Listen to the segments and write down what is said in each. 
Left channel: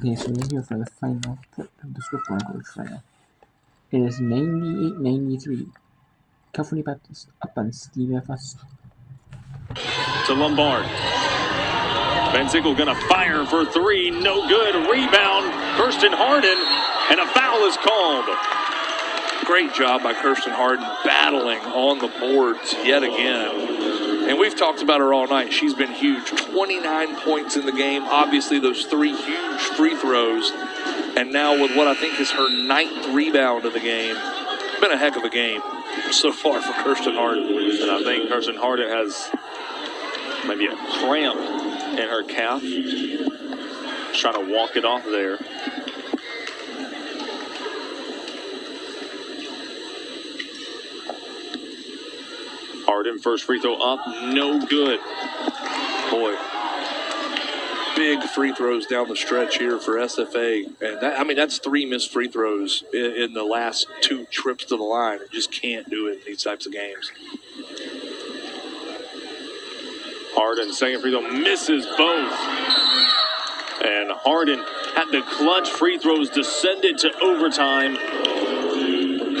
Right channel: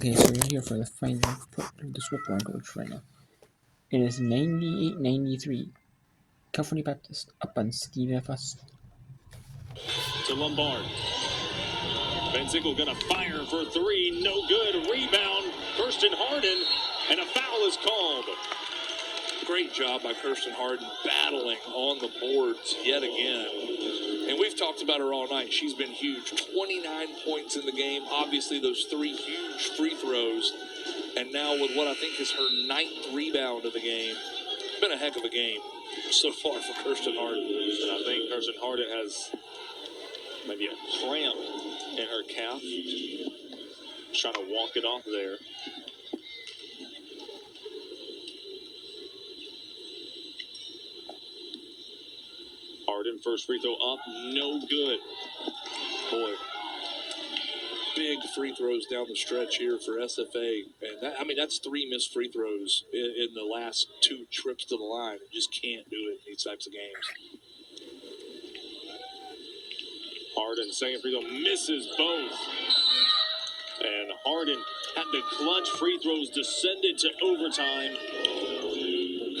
Okay, so we're here for the final point of this Whipworm coach right now. It is 98-93. California Baptist up on Steve F. Austin. To Lombard. Van Sickle gonna fire for three. No good. Rebound. Kirsten Harden. And a foul is called. Great job by Kirsten Harden battling on the boards yet again. And we've talked about her all night. She's been huge. 29 points in the game. Obviously, those three huge free throws. And now with what I think is her 9th rebound of the game. Been a heck of a game so far for Kirsten Harden. And I think Kirsten Harden has maybe a cramp in her calf. Trying to walk it off there. Harden, first free throw up, no good. Boy, big free throws down the stretch here for SFA. And that's 3 missed free throws in the last 2 trips to the line. You just can't do it in these types of games. Harden, second free throw, misses both. And Harden had the clutch free throws, descended to overtime.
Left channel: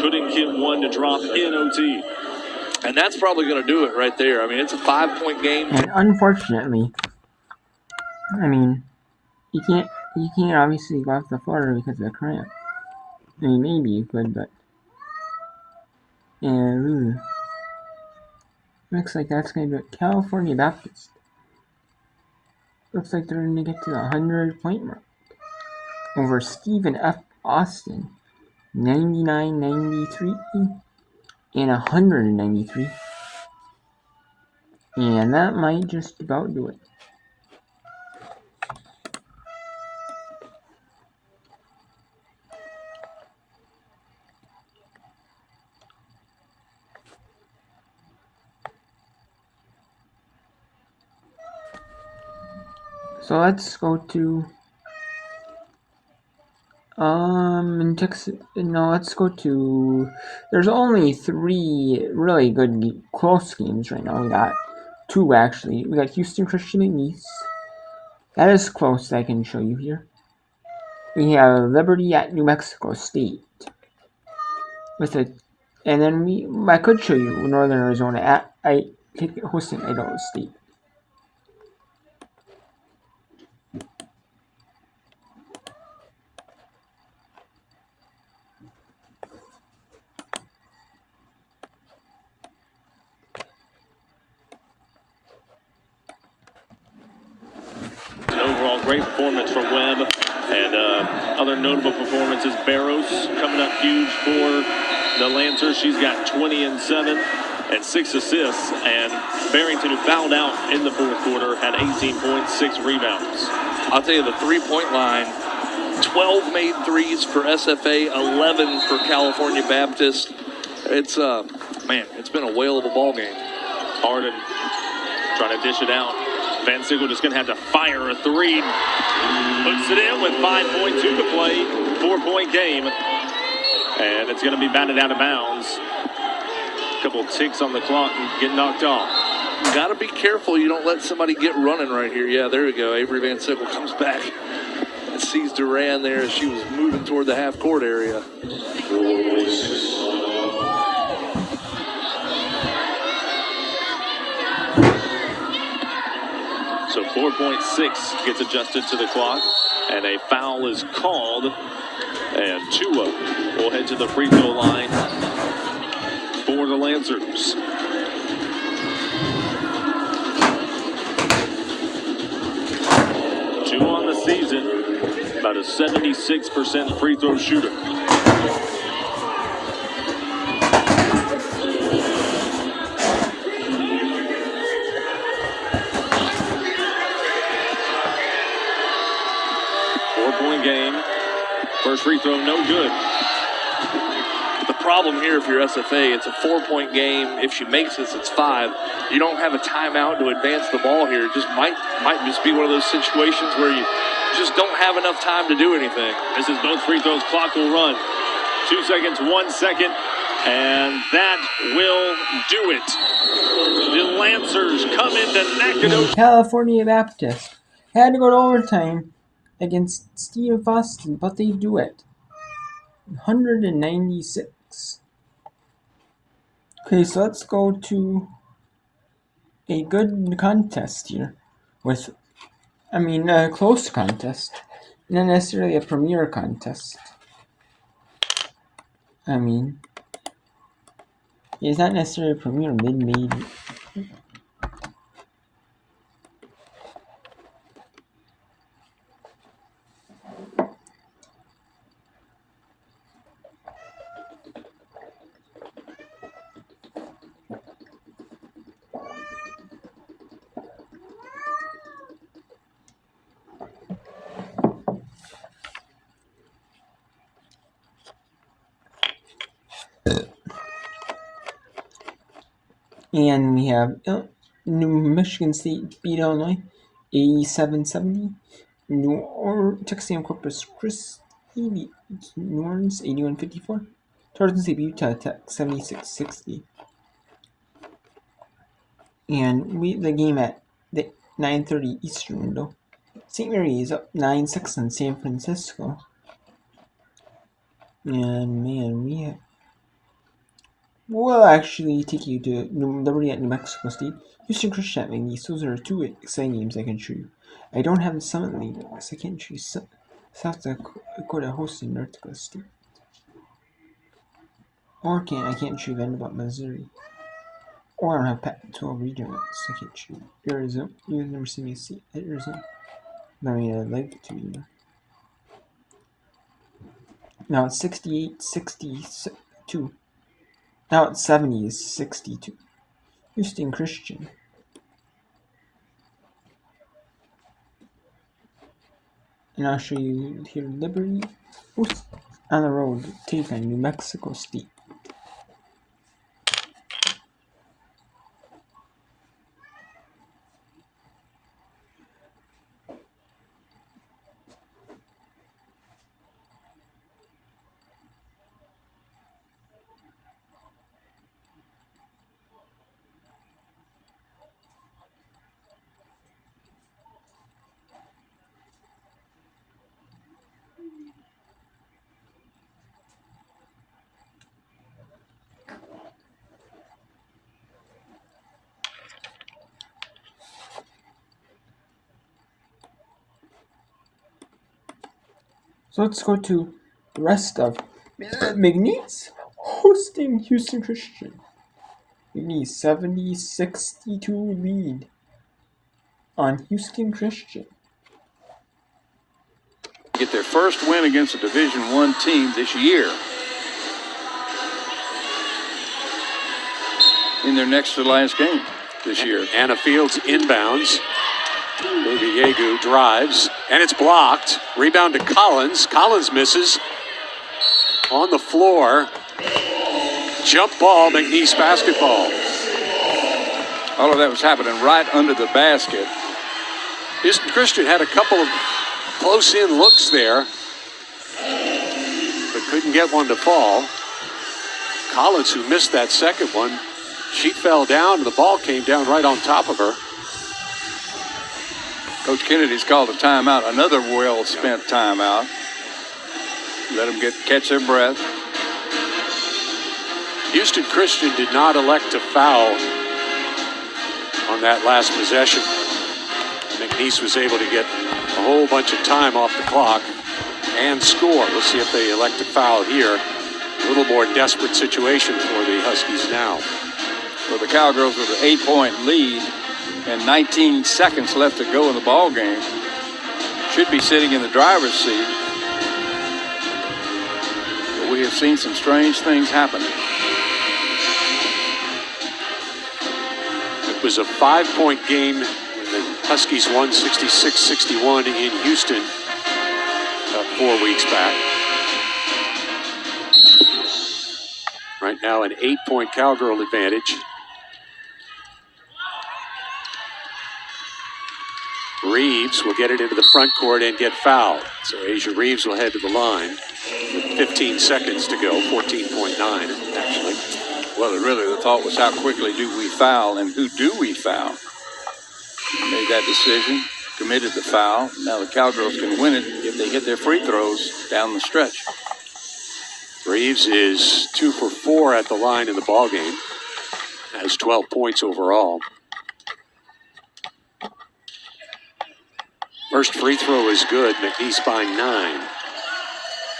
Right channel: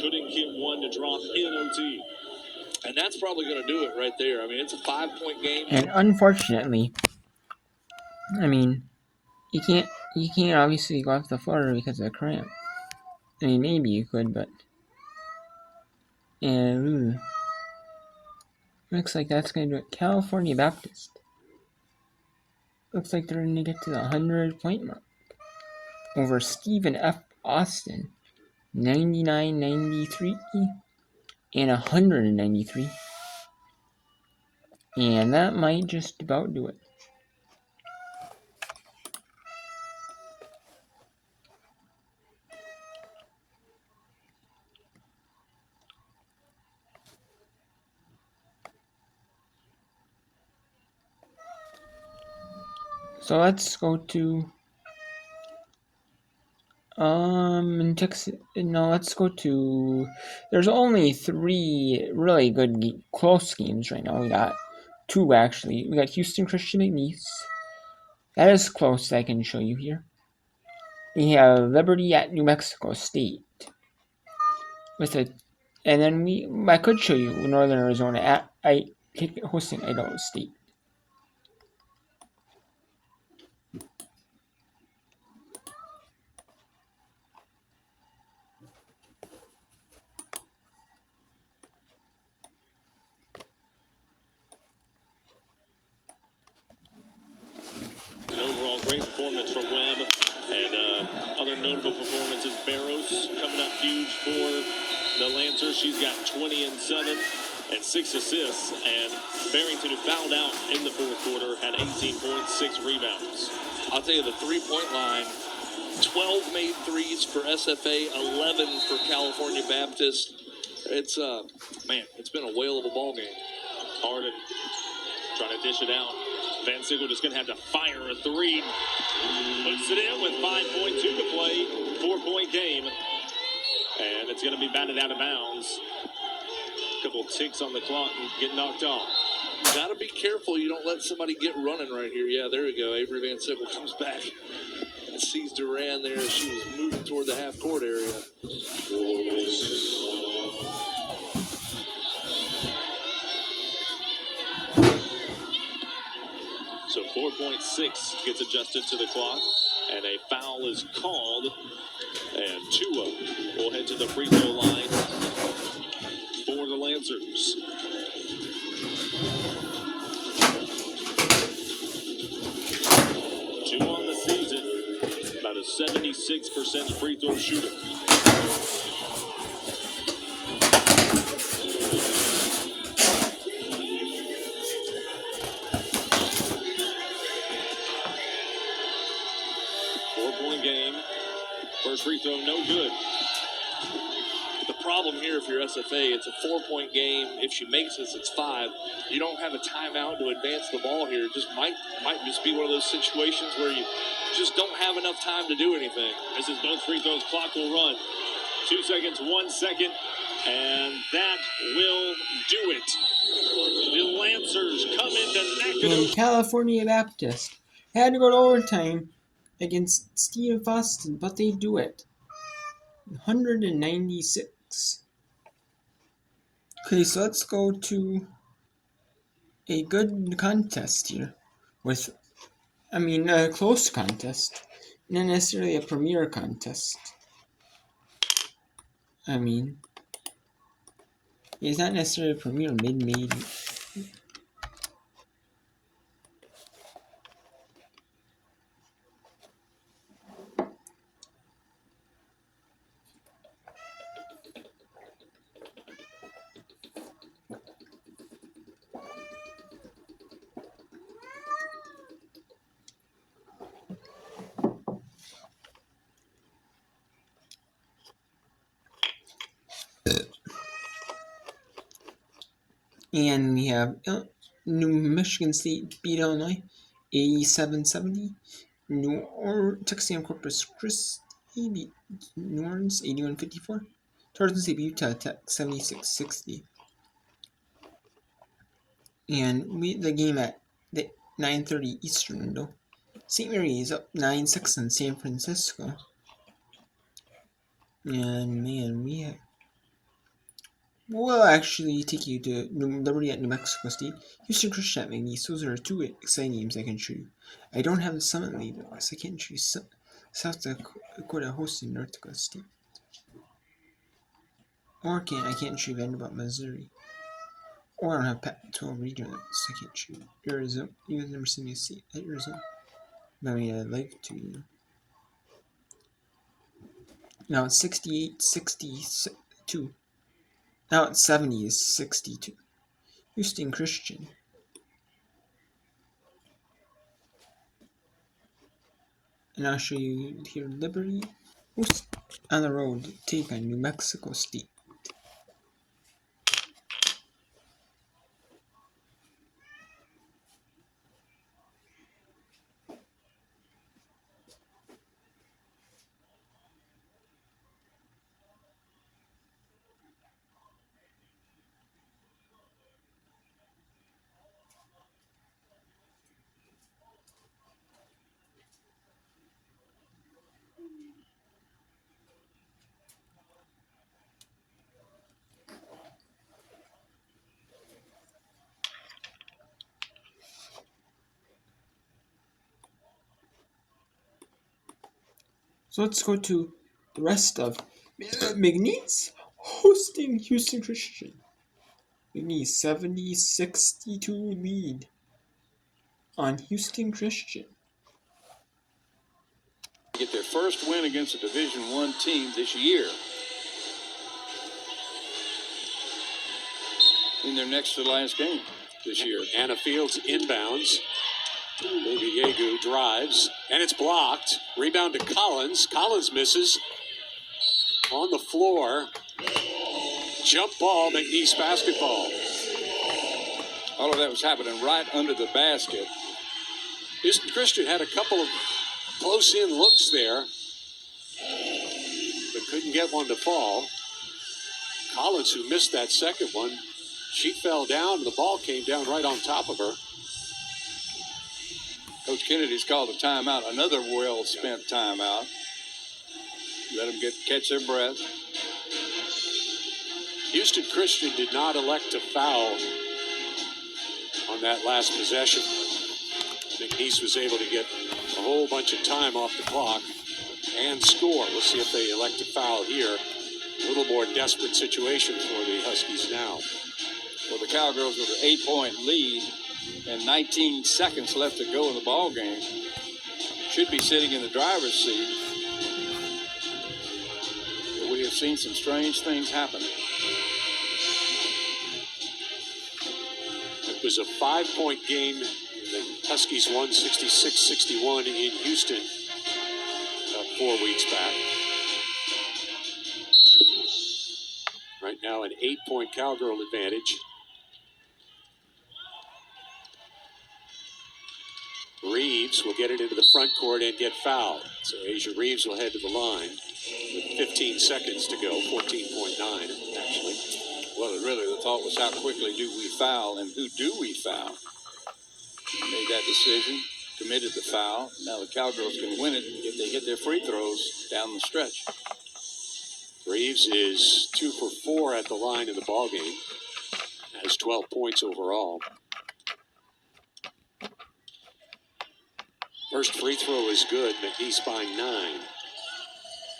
Couldn't get one to drop in OT. And that's probably going to do it right there. I mean, it's a 5-point game. And unfortunately, I mean, you can't obviously go off the floor because of the cramp. I mean, maybe you could, but and looks like that's going to do it. California Baptist. Looks like they're going to get to the 100-point mark over Stephen F. Austin, 99-93 and 193, and that might just about do it. So let's go to in Texas. No, let's go to. There's only 3 really good close games right now. We got 2 actually. We got Houston Christian McNeese. That is close. I can show you here. We have Liberty at New Mexico State. And then I could show you Northern Arizona hosting Idaho State. Overall, great performance from Webb, and other notable performances. Barrows coming up huge for the Lancers. She's got 20 and 7 and 6 assists, and Barrington, who fouled out in the 4th quarter, had 18 points, 6 rebounds. I'll tell you, the 3-point line, 12 made threes for SFA, 11 for California Baptist. It's been a whale of a ball game. Harden trying to dish it out. Van Sickle just going to have to fire a 3. Puts it in with 5.2 to play. 4-point game. And it's going to be batted out of bounds. A couple ticks on the clock and get knocked off. You got to be careful you don't let somebody get running right here. Yeah, there we go. Avery Van Sickle comes back and sees Duran there as she was moving toward the half-court area. So 4.6 gets adjusted to the clock, and a foul is called. And Tua will head to the free throw line for the Lancers. Tua on the season, about a 76% free throw shooter. Game. First free throw, no good. The problem here, if you're SFA, it's a 4-point game. If she makes this, it's 5. You don't have a timeout to advance the ball here. It just might just be one of those situations where you just don't have enough time to do anything. This is both free throws. Clock will run. 2 seconds, 1 second, and that will do it. The Lancers come into Nacogdoches. California Baptist had to go to overtime against Steve Austin, but they do it. 196. Okay, so let's go to a good contest here with, a close contest, not necessarily a premier contest. It's not necessarily a premier mid-major. And we have New Michigan State beat Illinois 87-70. Texas A&M Corpus Christi beat New Orleans 81-54. Tarleton State beat Utah Tech 76-60. And the game at the 9:30 Eastern window. St. Mary is up 9-6 on San Francisco. And man, we'll actually take you to Liberty at New Mexico State, Houston Christian at McNeese. Those are two exciting games I can show you. I don't have the Summit League, so I can't show you South Dakota hosting North Dakota State. Or I can't show you Vanderbilt, Missouri. Or I don't have Pac-12 regional, so I can't show you Arizona. You guys never seen me see Arizona. I'd like to, Now it's 68-62. Now it's 70-62. Houston Christian. And I'll show you here Liberty on the road to take on New Mexico State. So let's go to the rest of McNeese hosting Houston Christian. McNeese 70-62 lead on Houston Christian. Get their first win against a Division I team this year in their next to last game this year. Anna Fields inbounds. Baby Yegu drives, and it's blocked. Rebound to Collins. Collins misses. On the floor. Jump ball, McNeese basketball. All of that was happening right under the basket. Houston Christian had a couple of close-in looks there, but couldn't get one to fall. Collins, who missed that second one, she fell down, and the ball came down right on top of her. Coach Kennedy's called a timeout, another well-spent timeout. Let them catch their breath. Houston Christian did not elect to foul on that last possession. McNeese was able to get a whole bunch of time off the clock and score. We'll see if they elect to foul here. A little more desperate situation for the Huskies now. Well, the Cowgirls with an 8-point lead and 19 seconds left to go in the ball game should be sitting in the driver's seat. But we have seen some strange things happen. It was a 5-point game when the Huskies won 66-61 in Houston 4 weeks back. Right now an 8-point Cowgirl advantage. Reeves will get it into the front court and get fouled. So Asia Reeves will head to the line with 15 seconds to go, 14.9 actually. Well, really the thought was how quickly do we foul and who do we foul? Made that decision. committed the foul. Now the Cowgirls can win it if they hit their free throws down the stretch. Reeves is 2 for 4 at the line in the ballgame. Has 12 points overall. First free throw is good. McNeese by 9.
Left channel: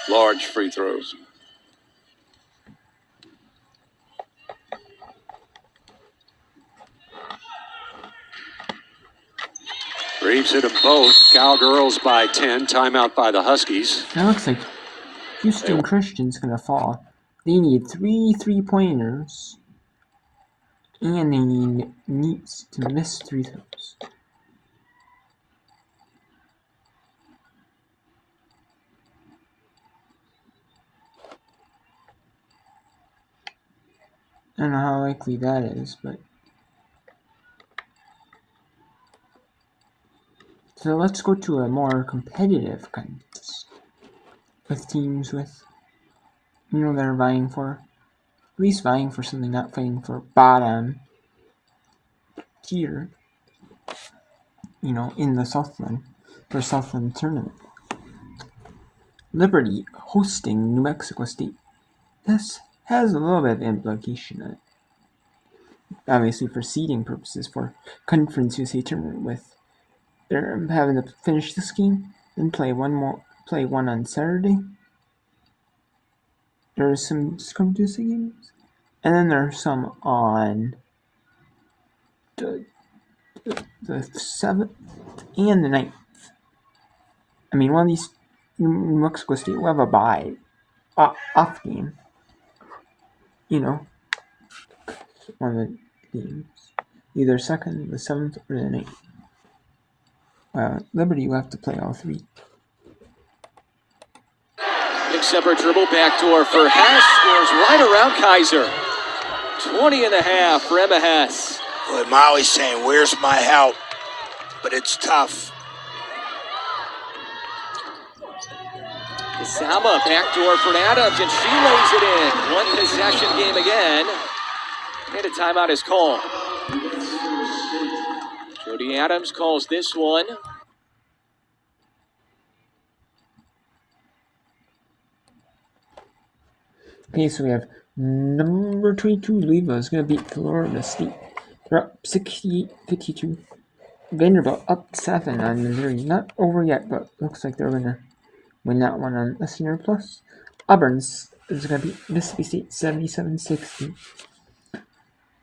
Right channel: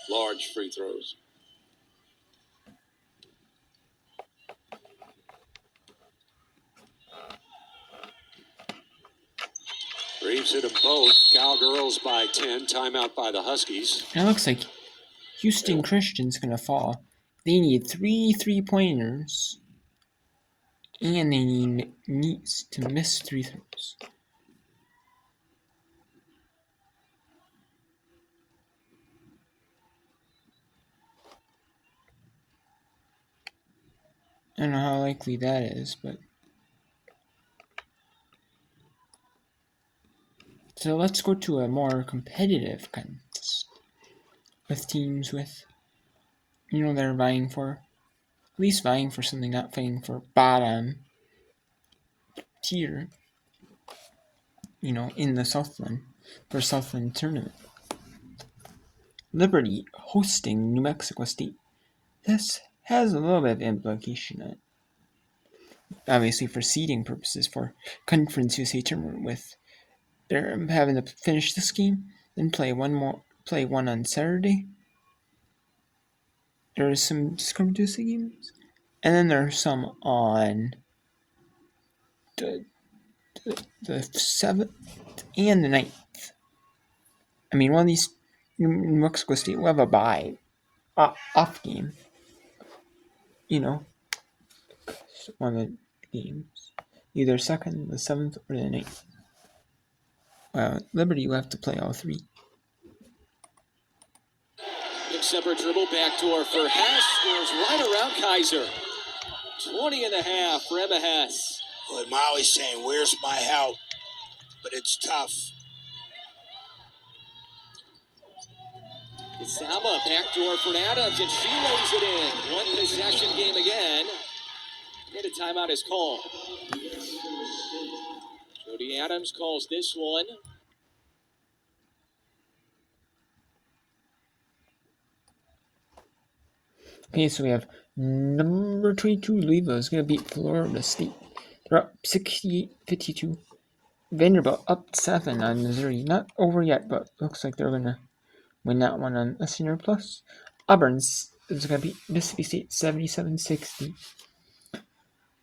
Large free throws. Reeves hit them both. Cowgirls by 10. Timeout by the Huskies. It looks like Houston Christian's gonna fall. They need 3 3-pointers. And they need Neats to miss 3 throws. I don't know how likely that is, but... So let's go to a more competitive contest. With teams with, they're vying for, at least vying for something, not fighting for bottom tier, in the Southland, for Southland tournament. Liberty hosting New Mexico State. This has a little bit of implication on it. Obviously for seeding purposes for Conference USA tournament, with they're having to finish this game, then play one on Saturday. There's some scrimmages games, and then there's some on the 7th and the 9th. I mean, one of these, New Mexico State will have a bye off game. One of the games, either 2nd, the 7th, or the 9th. Liberty will have to play all 3. Big separate dribble, backdoor for Hess, scores right around Kaiser. 20.5 for Emma Hess. Well, Molly's saying, where's my help? But it's tough. Isama, backdoor for Adams, and she lays it in. One possession game again. And a timeout is called. Jody Adams calls this one. Okay, so we have number 22, Louisville is going to beat Florida State. They're up 68-52. Vanderbilt up 7 on Missouri. Not over yet, but looks like they're going to win that one on a Senior Plus. Auburn's is going to beat Mississippi State 77-60.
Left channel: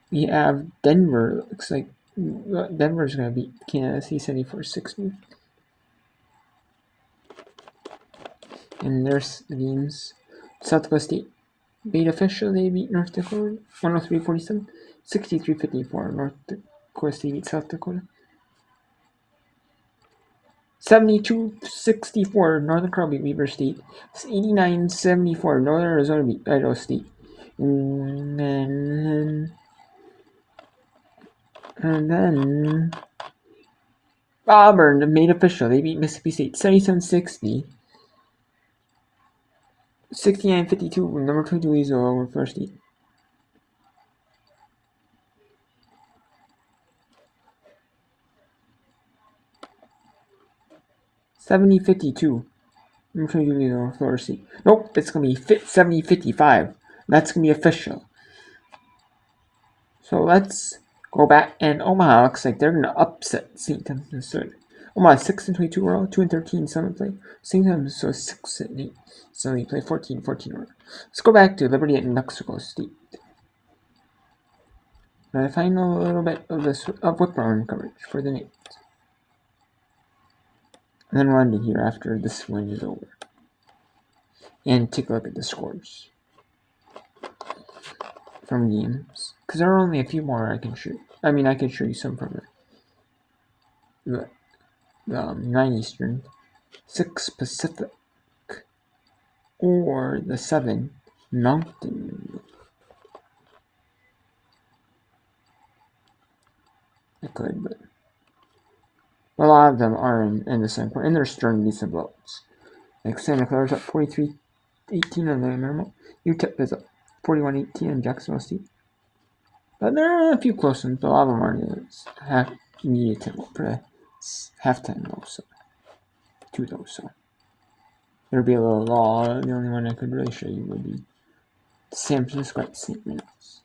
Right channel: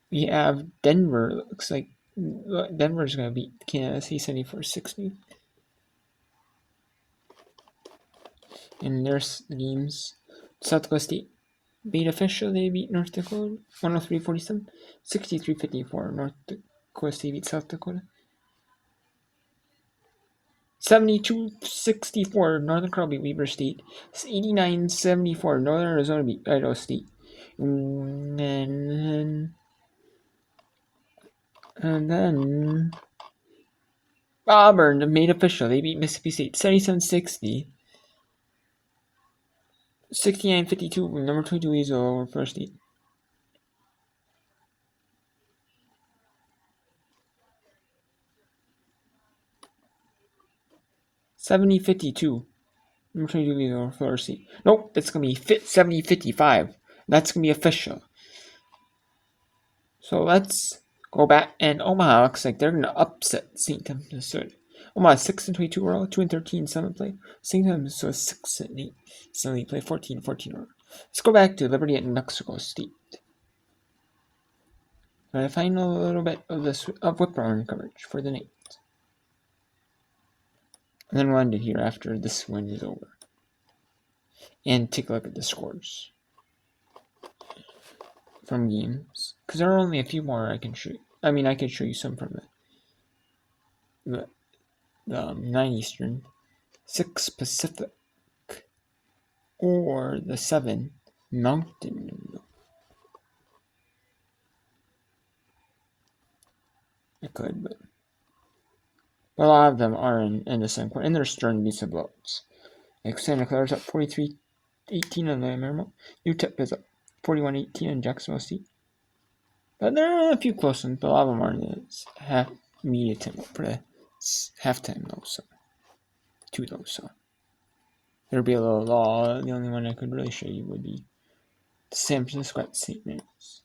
We have Denver. Looks like Denver's going to beat Kansas State 74-60. And there's the games. South Dakota State beat official. They beat North Dakota 103-47. 63-54. North Dakota State beat South Dakota 72-64. Northern Colorado beat Weber State 89-74. Northern Arizona beat Idaho State. And then Auburn made official. They beat Mississippi State 77-60. 69-52. Number 22 Weasel over First State. $70-52. Number 22 Weasel over Florida State. Nope, it's gonna be 70-55. That's gonna be official. So let's go back, and Omaha looks like they're gonna upset St. Thomas, Minnesota. Omaha 6-22 overall, 2-13 7 play. St. Thomas so 6-8. So they play 14-14 overall. Let's go back to Liberty at New Mexico State. And I find a little bit of this whip around coverage for the Knights. And then we'll end it here after this win is over. And take a look at the scores from games, because there are only a few more I can show you. I mean, I can show you some from the 9 Eastern, 6 Pacific, or the 7 Mountain. I could, but a lot of them are in the same point, and there's starting to be some blowups. Like Santa Clara's up 43-18 on the Marymount. UTEP is up 41-18 on Jacksonville State. But there are a few close ones, but a lot of them are in the half immediate tempo for the It's halftime though, so 2 though, so there'd be a little law. The only one I could really show you would be San Francisco at St. Mary's.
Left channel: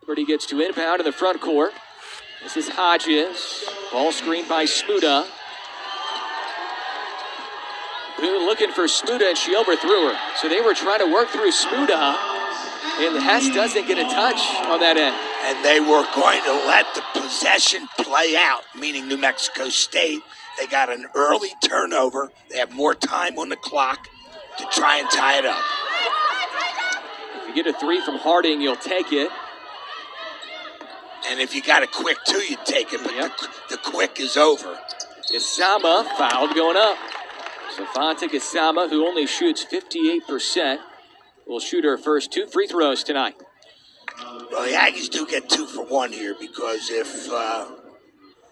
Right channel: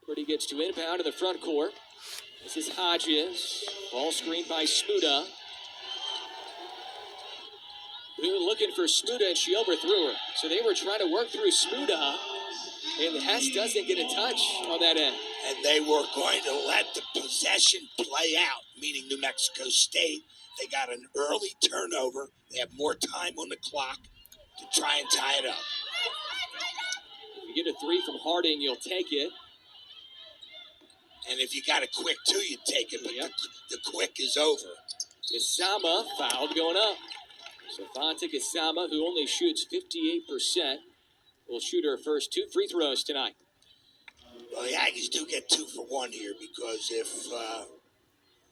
Liberty gets to inbound in the front court. This is Hodges. Ball screened by Smuda. Boone looking for Smuda, and she overthrew her. So they were trying to work through Smuda, and Hess doesn't get a touch on that end. And they were going to let the possession play out, meaning New Mexico State. They got an early turnover. They have more time on the clock to try and tie it up. If you get a 3 from Harding, you'll take it. And if you got a quick 2, you take it, but Yep. the quick is over. Isama fouled going up. So Fonte Isama, who only shoots 58%, will shoot her first 2 free throws tonight. Well, the Aggies do get 2 for 1 here because if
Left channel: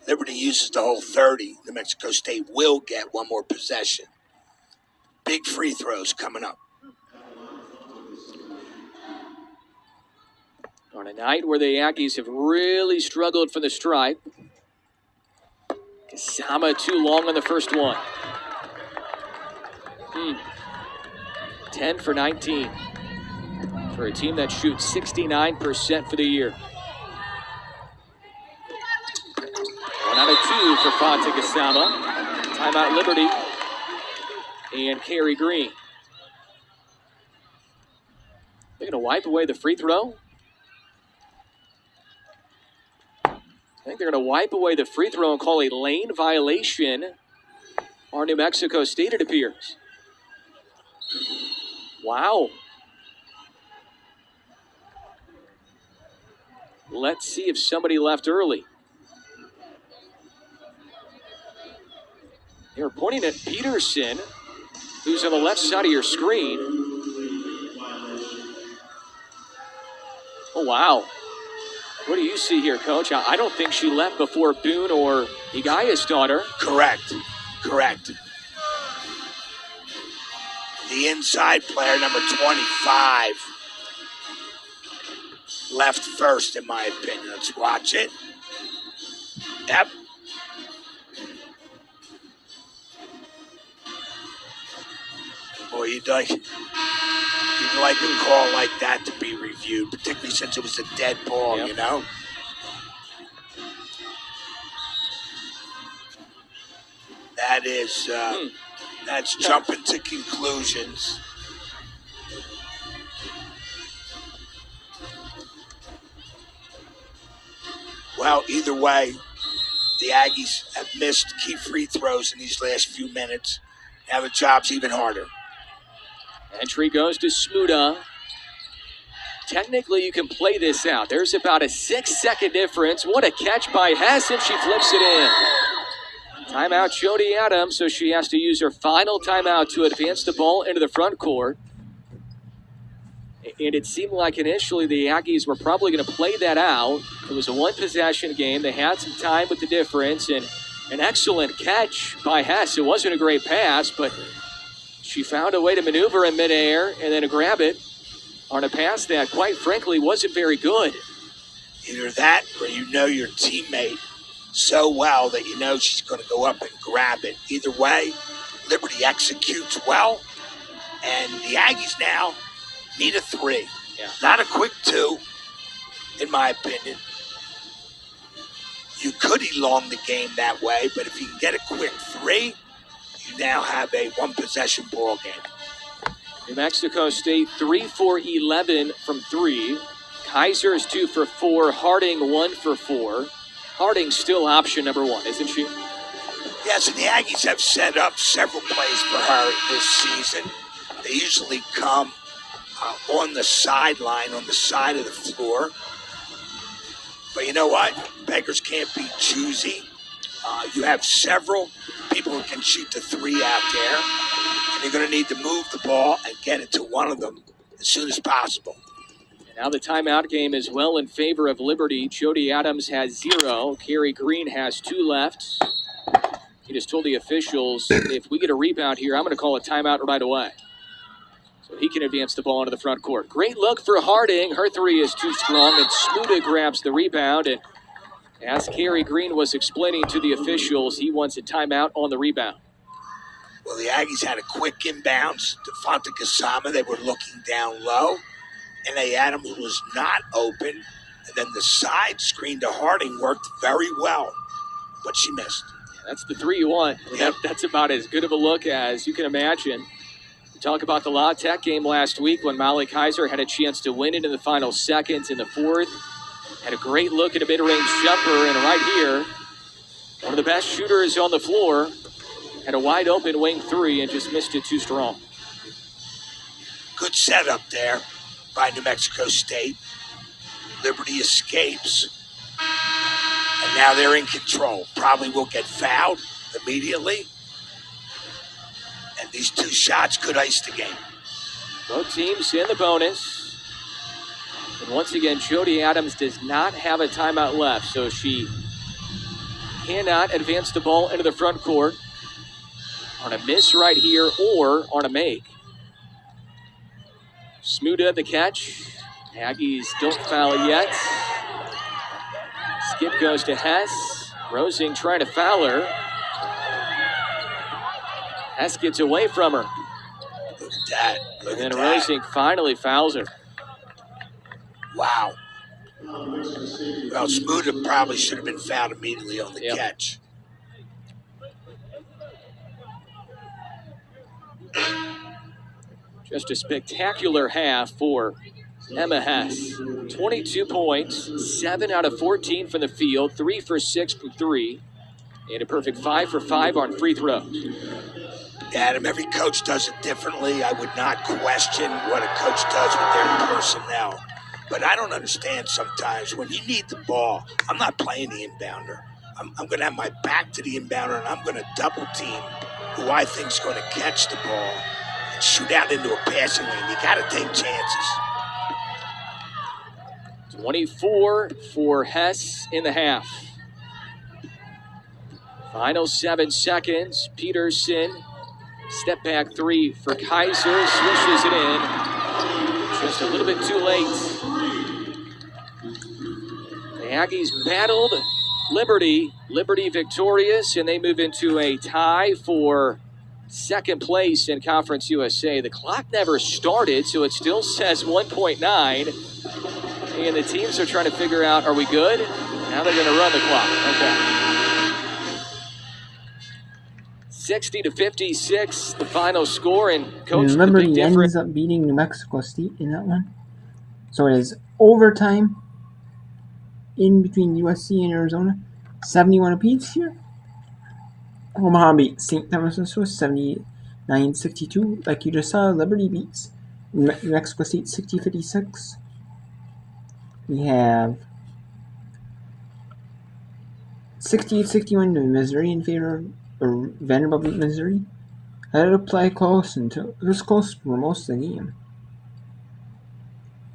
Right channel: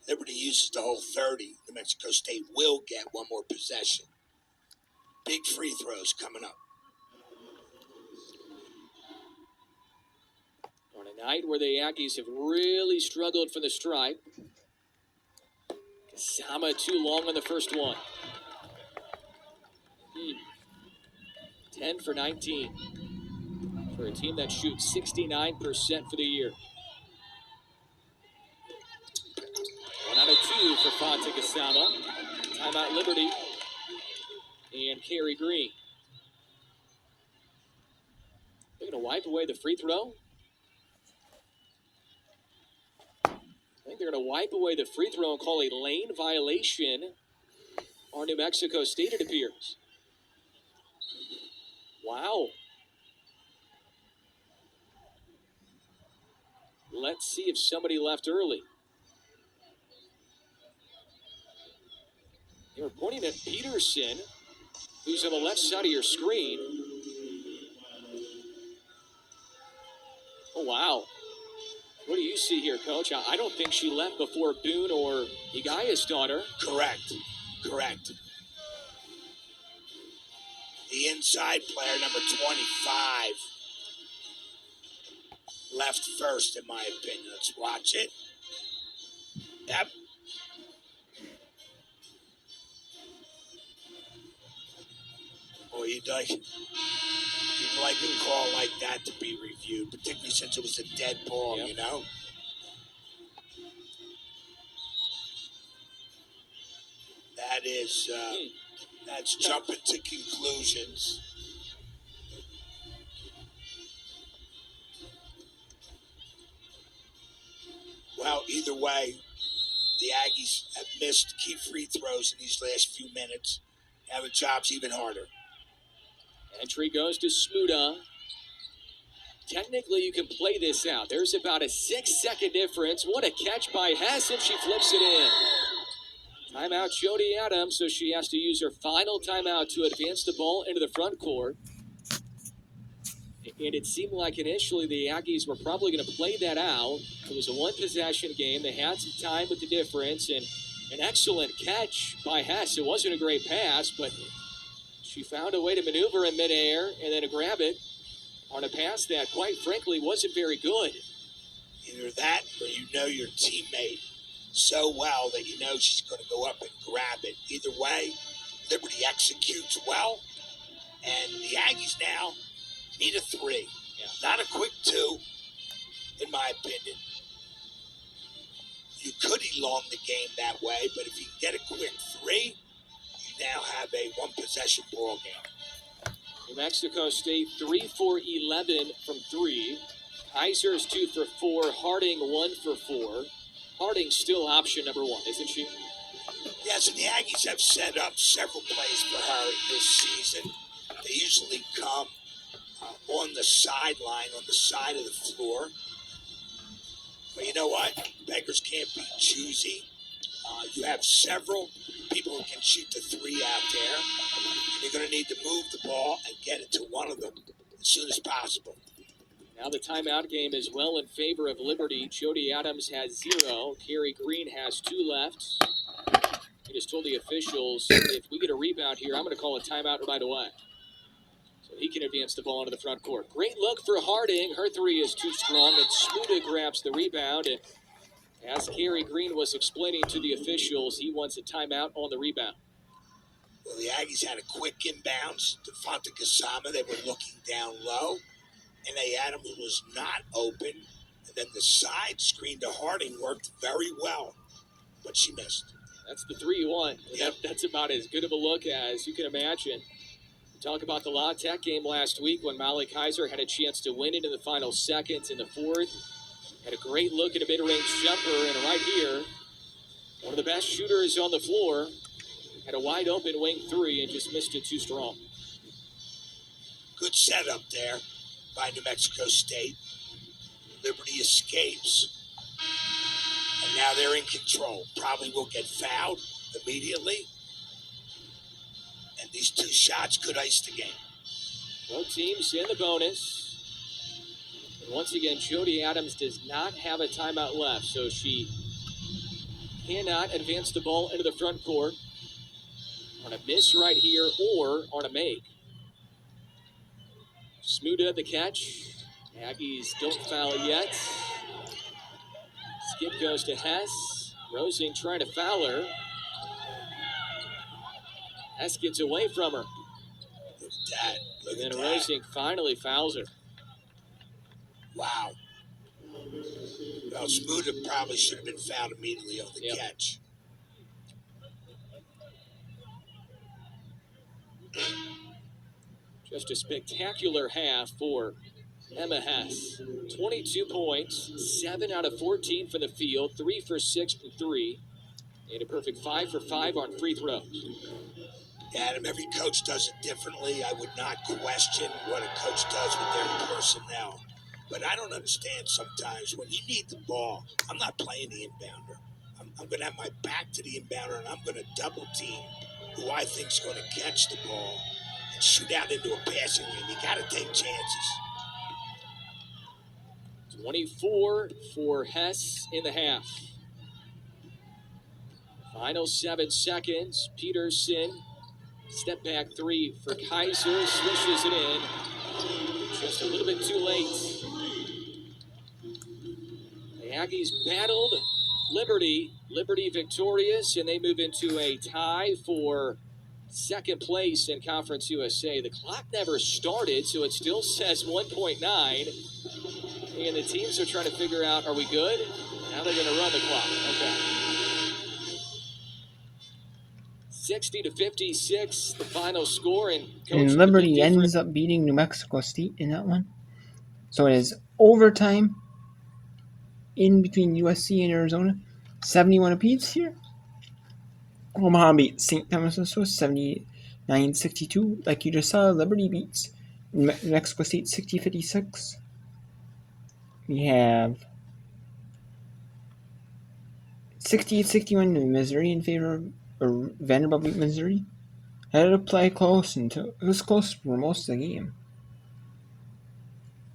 Liberty uses the whole 30, New Mexico State will get 1 more possession. Big free throws coming up. On a night where the Aggies have really struggled from the stripe. Isama too long on the first one. 10 for 19 for a team that shoots 69% for the year. 1 out of 2 for Fonte Isama. Timeout Liberty and Carey Green. They're going to wipe away the free throw. I think they're going to wipe away the free throw and call a lane violation on New Mexico State, it appears. Wow. Let's see if somebody left early. They were pointing at Peterson, who's on the left side of your screen. Oh, wow. What do you see here, Coach? I don't think she left before Boone or Higaya's daughter. Correct. The inside player, number 25, left first, in my opinion. Let's watch it. Yep. Boy, you'd like a call like that to be reviewed, particularly since it was a dead ball, Yep. you know? That is, that's jumping to conclusions. Well, either way, the Aggies have missed key free throws in these last few minutes. Now the job's even harder. Entry goes to Smuda. Technically, you can play this out. There's about a 6-second difference. What a catch by Hess, and she flips it in. Timeout, Jody Adams, so she has to use her final timeout to advance the ball into the front court. And it seemed like initially the Aggies were probably going to play that out. It was a 1-possession game. They had some time with the difference, and an excellent catch by Hess. It wasn't a great pass, but she found a way to maneuver in midair and then to grab it on a pass that, quite frankly, wasn't very good. Either that or you know your teammate so well that you know she's going to go up and grab it. Either way, Liberty executes well, and the Aggies now need a 3. Yeah. Not a quick 2, in my opinion. You could elong the game that way, but if you can get a quick 3, you now have a 1-possession ball game. New Mexico State 3 for 11 from 3. Kaiser is 2 for 4. Harding 1 for 4. Harding's still option number 1, isn't she? Yes, and the Aggies have set up several plays for her this season. They usually come on the sideline, on the side of the floor. But you know what? Beggars can't be choosy. You have several people who can shoot the 3 out there, and you're going to need to move the ball and get it to one of them as soon as possible. And now the timeout game is well in favor of Liberty. Jody Adams has 0. Carey Green has 2 left. He just told the officials, if we get a rebound here, I'm going to call a timeout right away. So he can advance the ball into the front court. Great look for Harding. Her 3 is too strong, and Smuda grabs the rebound. And As Kerry Green was explaining to the officials, he wants a timeout on the rebound. Well, the Aggies had a quick inbounds to Fonte Kasama. They were looking down low. And they had him who was not open. And then the side screen to Harding worked very well. But she missed. That's the three you want. Yep. That's about as good of a look as you can imagine. We talk about the La Tech game last week when Molly Kaiser had a chance to win it in the final seconds in the fourth. Had a great look at a mid-range jumper, and right here, one of the best shooters on the floor had a wide open wing three and just missed it too strong. Good setup there by New Mexico State. Liberty escapes. And now they're in control. Probably will get fouled immediately. And these two shots could ice the game. Both teams in the bonus. And once again, Jody Adams does not have a timeout left, so she cannot advance the ball into the front court on a miss right here or on a make. Smuda the catch. Aggies don't foul yet. Skip goes to Hess. Rosing trying to foul her. Hess gets away from her. Look at that. Look And at then that. Rosing finally fouls her. Wow. Well, Smuda probably should have been fouled immediately on the Yep. catch. Just a spectacular half for Emma Hess. 22 points, 7 out of 14 from the field, 3 for 6 from 3, and a perfect 5 for 5 on free throws. Adam, every coach does it differently. I would not question what a coach does with their personnel. But I don't understand sometimes when you need the ball, I'm not playing the inbounder. I'm going to have my back to the inbounder, and I'm going to double team who I think is going to catch the ball and shoot out into a passing lane. You got to take chances. 24 for Hess in the half. Final 7 seconds. Peterson, step back three for Kaiser, swishes it in. Just a little bit too late. The Aggies battled Liberty. Liberty victorious, and they move into a tie for second place in Conference USA. The clock never started, so it still says 1.9. And the teams are trying to figure out, are we good? Now they're going to run the clock. Okay. 60-56, the final score, and Coach, And the big Liberty difference. ends up beating New Mexico State in that one. So it is overtime in between USC and Arizona. 71 apiece here. Omaha beat St. Thomas was 79-62. Like you just saw, Liberty beats New Mexico State 60-56. We have 68-61 to Missouri in favor of Vanderbilt beat Missouri. I had to play close until it was close for most of the game.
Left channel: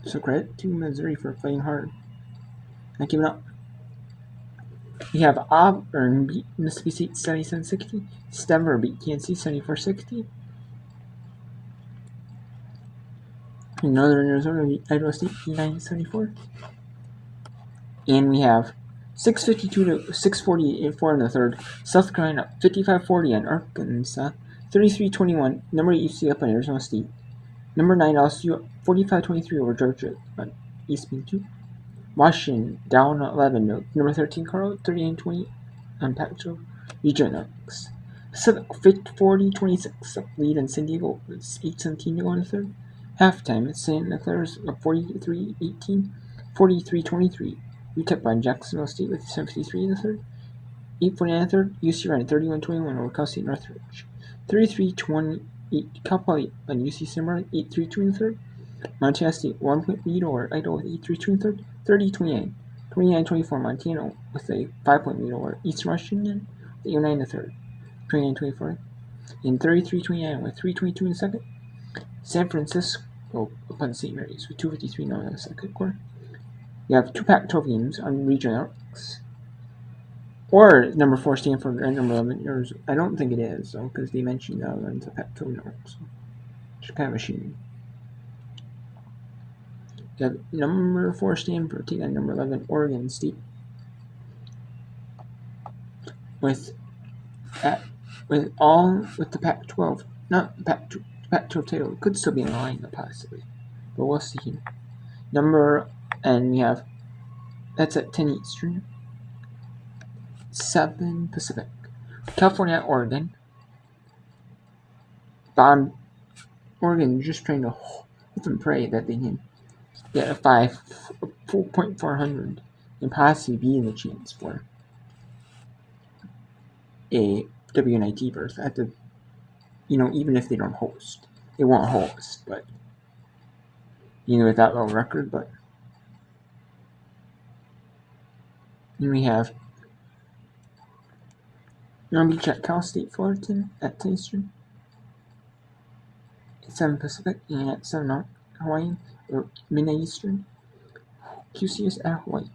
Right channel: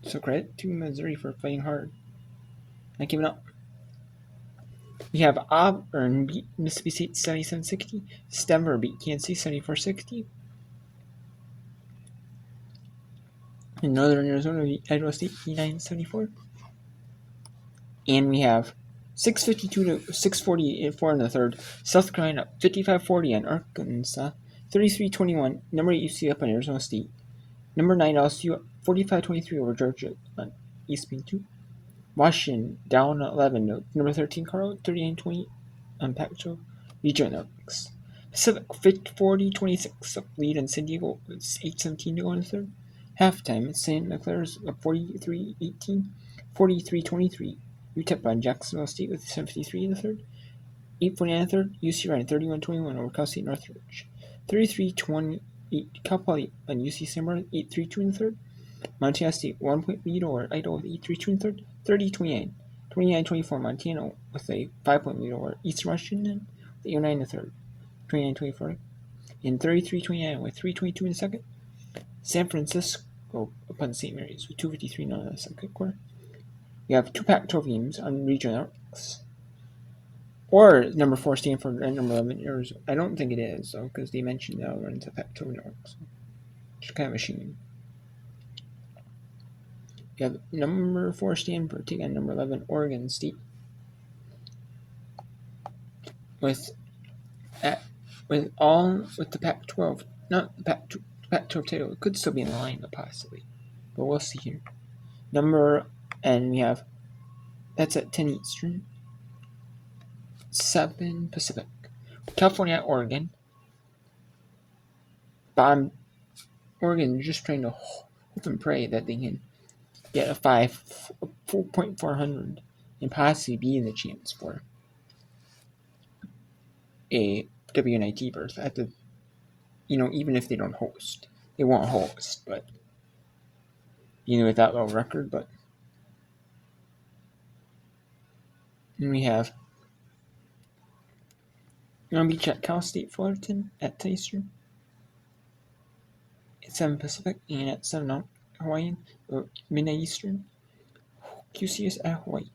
So credit to Missouri for playing hard. Not giving up. We have Auburn beat Mississippi State 77-60. Denver beat Kansas City 74-60. And Northern Arizona beat Idaho State 89-74. And we have 6:52 to 6:44 in the third. South Carolina 55-40 on Arkansas. 33-21. Number 8 UC up on Arizona State. Number 9 LSU 45-23 over Georgia on East Main 2. Washington down 11 to number 13 Carl 39-20 on Pac-12 Regionals. Pacific 40-26 up lead in San Diego. It's 8:17 to go in the third. Halftime, Santa Clara's up 43-18, 43-23. UTEP on Jacksonville State with 7:53 in the third. 8:49 in the third. UC Ryan 31-21 over Cal State Northridge. 33-28 Cal Poly on UC San Bernardino 8-3-2 in the third. Montana State 1 point lead over Idaho with 8-3-2 in the third. 30-29. 29-24 Montana with a 5 point lead over Eastern Washington with 8-9 in the third. 29-24. And 33-29 with 3:22 in the second. San Francisco upon St. Mary's with 2:53 now in the second quarter. You have 2 Pac-12 games on regional networks. Or number 4 Stanford and number 11 Arizona. I don't think it is, though, because they mentioned the other one's a Pac-12 network. So it's kind of a shame. You have number 4 Stanford taking on number 11 Oregon State. with the Pac-12, not the Pac-12 title. It could still be in the line, possibly, but we'll see here. And we have that's at 10 Eastern, 7 Pacific. California at Oregon. Oregon just trying to hope and pray that they can get a 4.400 and possibly be in the chance for a WNIT berth at the, even if they don't host. They won't host, but, with that low record, but. Then we have Long Beach at Cal State Fullerton at 10 Eastern. At 7 Pacific and at 7 Hawaiian or midnight Eastern. QCS at Hawaii.